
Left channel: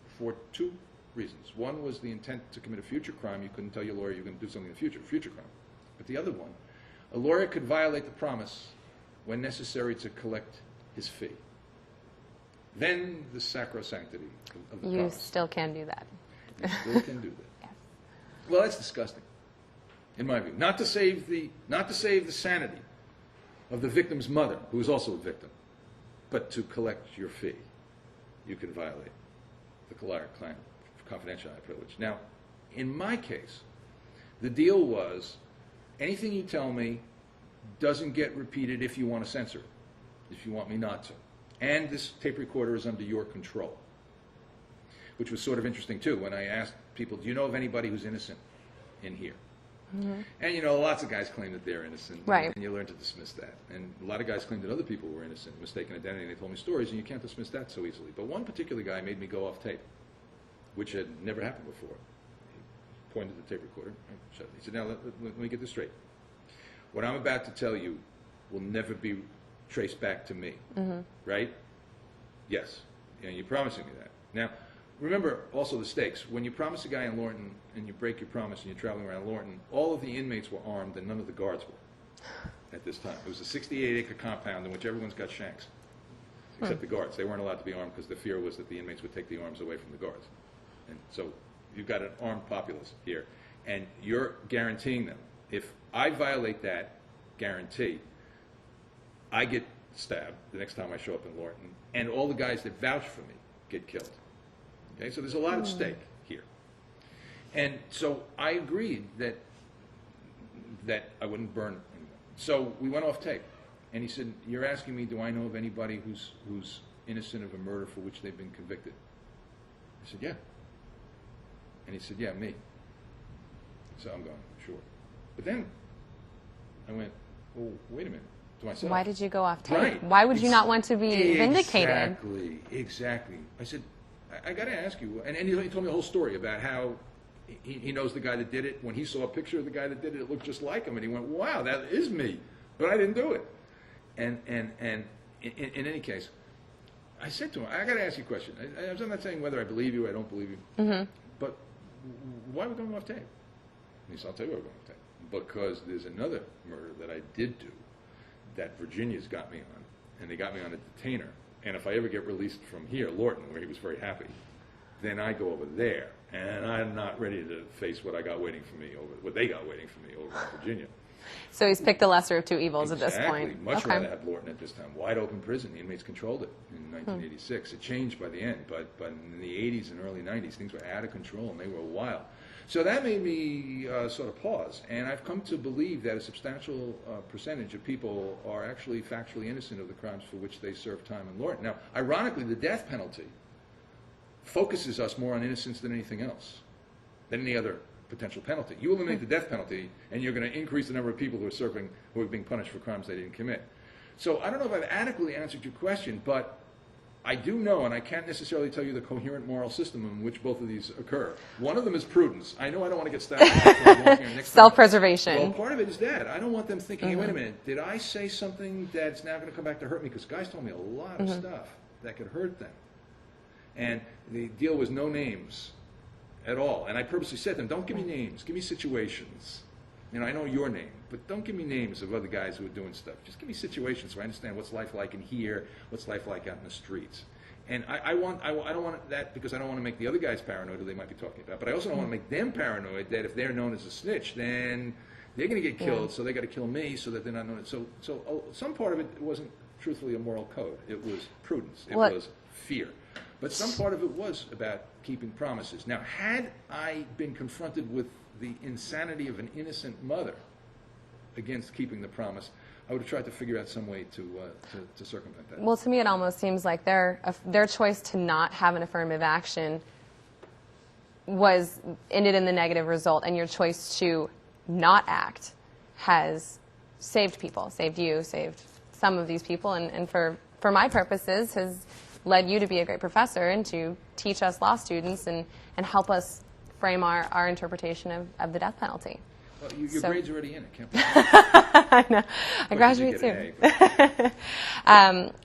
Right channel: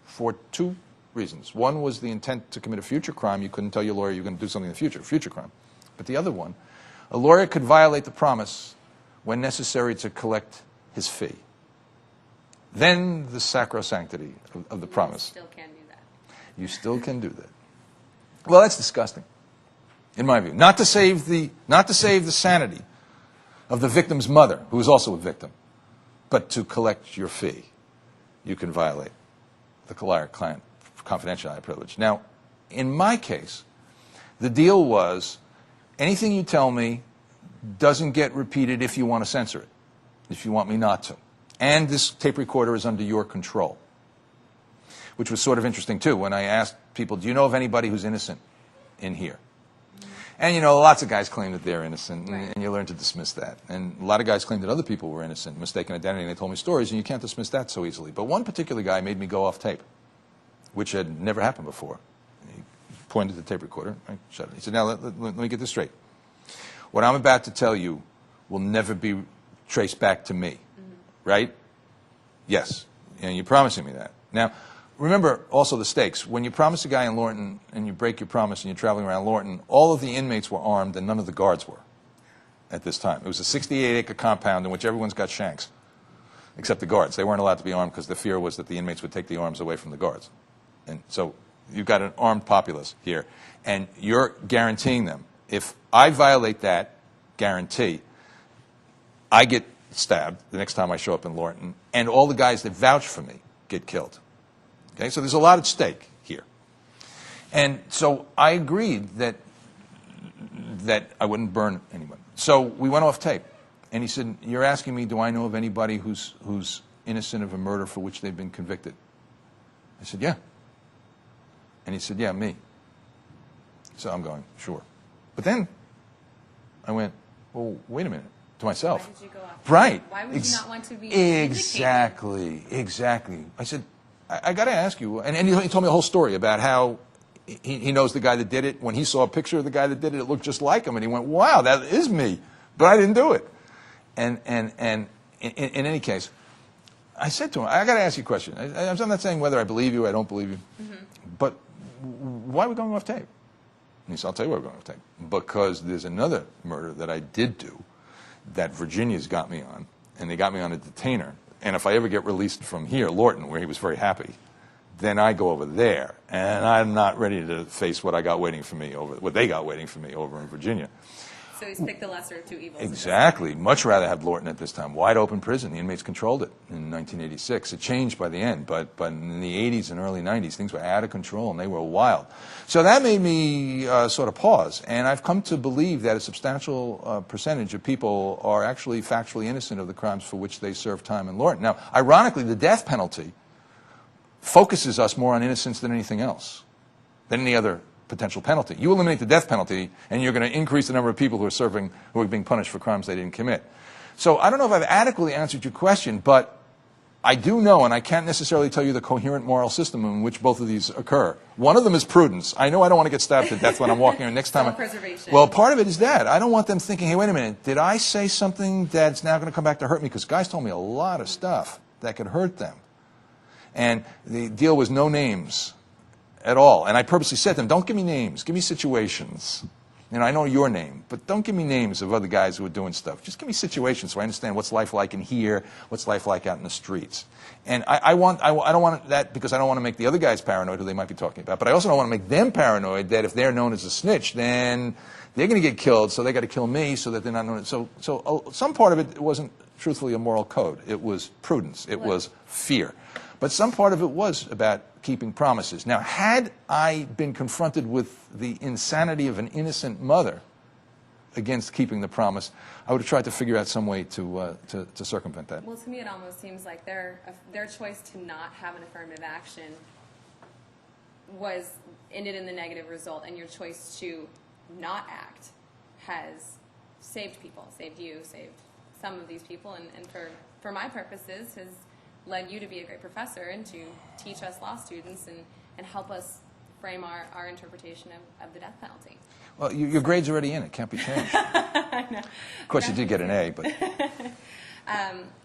for 2 reasons. One was the intent to commit a future crime. You couldn't tell your lawyer you're going to do something in the future crime. But the other one, a lawyer could violate the promise when necessary to collect his fee. Then the sacrosanctity of the promise. You still can do that. You still can do that. Well, that's disgusting, in my view. Not to save the sanity of the victim's mother, who is also a victim, but to collect your fee, you can violate the client confidentiality privilege. Now, in my case, the deal was anything you tell me doesn't get repeated if you want to censor it, if you want me not to. And this tape recorder is under your control, which was sort of interesting, too, when I asked people, do you know of anybody who's innocent in here? Mm-hmm. And, you know, lots of guys claim that they're innocent, right. And you learn to dismiss that. And a lot of guys claim that other people were innocent, mistaken identity, and they told me stories, and you can't dismiss that so easily. But one particular guy made me go off tape, which had never happened before. He pointed at the tape recorder. I shut it. He said, now, let me get this straight. What I'm about to tell you will never be traced back to me, right? Yes. And you're promising me that. Now, remember also the stakes. When you promise a guy in Lorton and you break your promise and you're traveling around Lorton, all of the inmates were armed and none of the guards were at this time. It was a 68-acre compound in which everyone's got shanks, except the guards. They weren't allowed to be armed because the fear was that the inmates would take the arms away from the guards. And so you've got an armed populace here, and you're guaranteeing them. If I violate that guarantee, I get stabbed the next time I show up in Lorton, and all the guys that vouch for me get killed. Okay, so there's a lot at stake here. And so I agreed that I wouldn't burn anyone. So we went off tape. And he said, you're asking me, do I know of anybody who's innocent of a murder for which they've been convicted? I said, yeah. And he said, yeah, me. So I'm going, sure. But then I went, well, wait a minute, to myself. Why did you go off tape? Right. Why would you not want to be vindicated? Exactly. I said, I got to ask you, and he told me a whole story about how he knows the guy that did it. When he saw a picture of the guy that did it, it looked just like him, and he went, wow, that is me, but I didn't do it. And in any case, I said to him, I got to ask you a question. I'm not saying whether I believe you or I don't believe you, but why are we going off tape? And he said, I'll tell you why we're going off tape. Because there's another murder that I did do that Virginia's got me on, and they got me on a detainer. And if I ever get released from here, Lorton, where he was very happy, then I go over there, and I'm not ready to face what they got waiting for me over in Virginia. So he's picked the lesser of two evils at this point. Exactly. Much rather have Lorton at this time. Wide open prison. The inmates controlled it in 1986. It changed by the end, but in the 80s and early 90s, things were out of control and they were wild. So that made me sort of pause. And I've come to believe that a substantial percentage of people are actually factually innocent of the crimes for which they serve time in Lorton. Now, ironically, the death penalty focuses us more on innocence than anything else, than any other potential penalty. You eliminate the death penalty, and you're going to increase the number of people who are being punished for crimes they didn't commit. So I don't know if I've adequately answered your question, but I do know, and I can't necessarily tell you the coherent moral system in which both of these occur. One of them is prudence. I know I don't want to get stabbed to death when I'm walking, or next time. Self-preservation. Well, part of it is that. I don't want them thinking, hey, wait a minute, did I say something that's now going to come back to hurt me? Because guys told me a lot of stuff that could hurt them. And the deal was no names at all. And I purposely said to them, don't give me names, give me situations. You know, I know your name, but don't give me names of other guys who are doing stuff. Just give me situations so I understand what's life like in here, what's life like out in the streets. And I don't want that because I don't want to make the other guys paranoid who they might be talking about. But I also don't want to make them paranoid that if they're known as a snitch, then they're going to get killed, so they got to kill me so that they're not known. So some part of it wasn't truthfully a moral code. It was prudence. It was fear. But some part of it was about keeping promises. Now, had I been confronted with the insanity of an innocent mother against keeping the promise, I would have tried to figure out some way to circumvent that. Well, to me, it almost seems like their choice to not have an affirmative action ended in the negative result, and your choice to not act has saved people, saved you, saved some of these people, and for my purposes has led you to be a great professor and to teach us law students and help us frame our interpretation of the death penalty. Well, your grade's already in. It can't be changed. I know. Of course, you did get an A. But.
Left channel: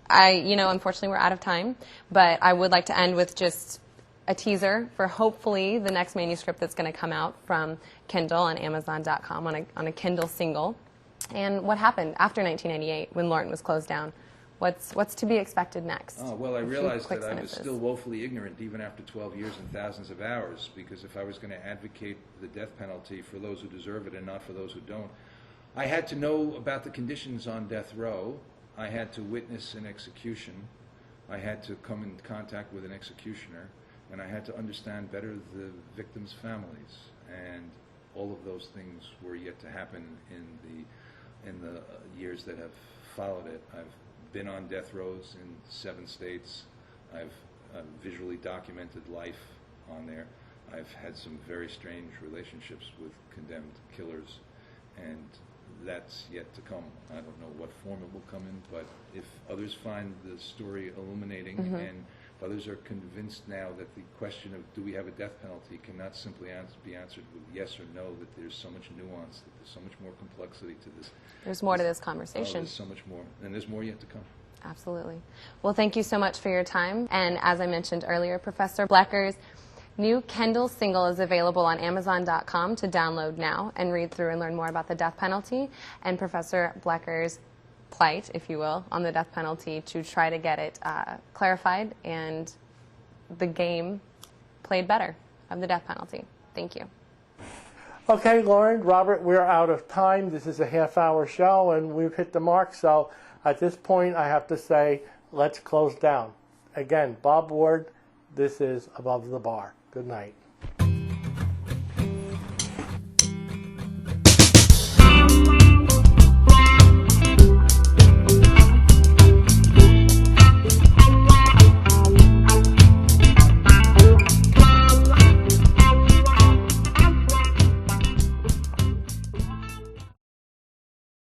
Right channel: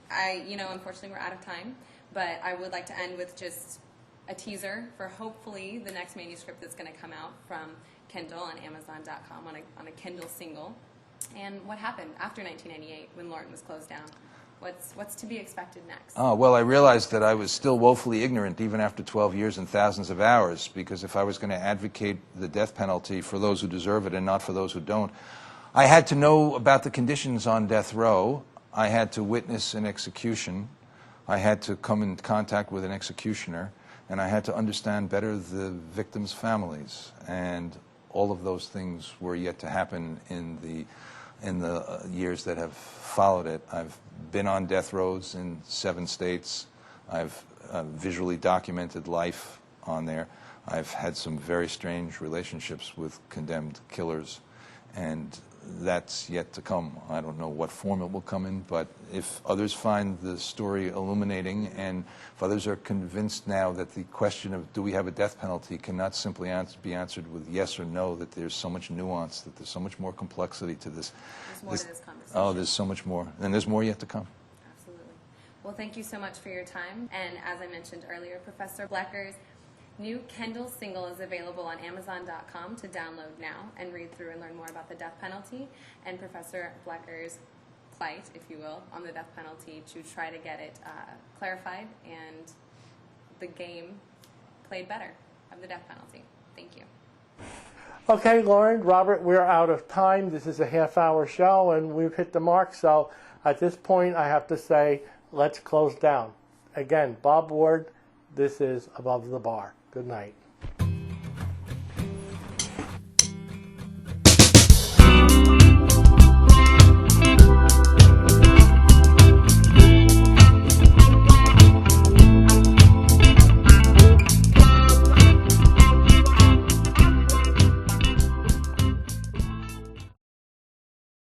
Unfortunately, we're out of time. But I would like to end with just a teaser for hopefully the next manuscript that's going to come out from Kindle on Amazon.com on a Kindle single. And what happened after 1998 when Lorton was closed down? What's to be expected next? Oh, well, I realized that I was still woefully ignorant even after 12 years and thousands of hours, because if I was going to advocate the death penalty for those who deserve it and not for those who don't, I had to know about the conditions on death row. I had to witness an execution. I had to come in contact with an executioner, and I had to understand better the victims' families. And all of those things were yet to happen in the years that have followed it. I've been on death rows in 7 states. I've visually documented life on there. I've had some very strange relationships with condemned killers, and that's yet to come. I don't know what form it will come in, but if others find the story illuminating, and if others are convinced now that the question of do we have a death penalty cannot simply be answered with yes or no, that there's so much nuance, that there's so much more complexity to this. There's more to this conversation. Oh, there's so much more, and there's more yet to come. Absolutely. Well, thank you so much for your time. And as I mentioned earlier, Professor Blecker's new Kindle single is available on Amazon.com to download now and read through and learn more about the death penalty and Professor Blecker's plight, if you will, on the death penalty to try to get it clarified and the game played better of the death penalty. Thank you. Okay, Lauren, Robert, we're out of time. This is a half-hour show, and we've hit the mark. So at this point, I have to say, let's close down. Again, Bob Ward, this is Above the Bar. Good night.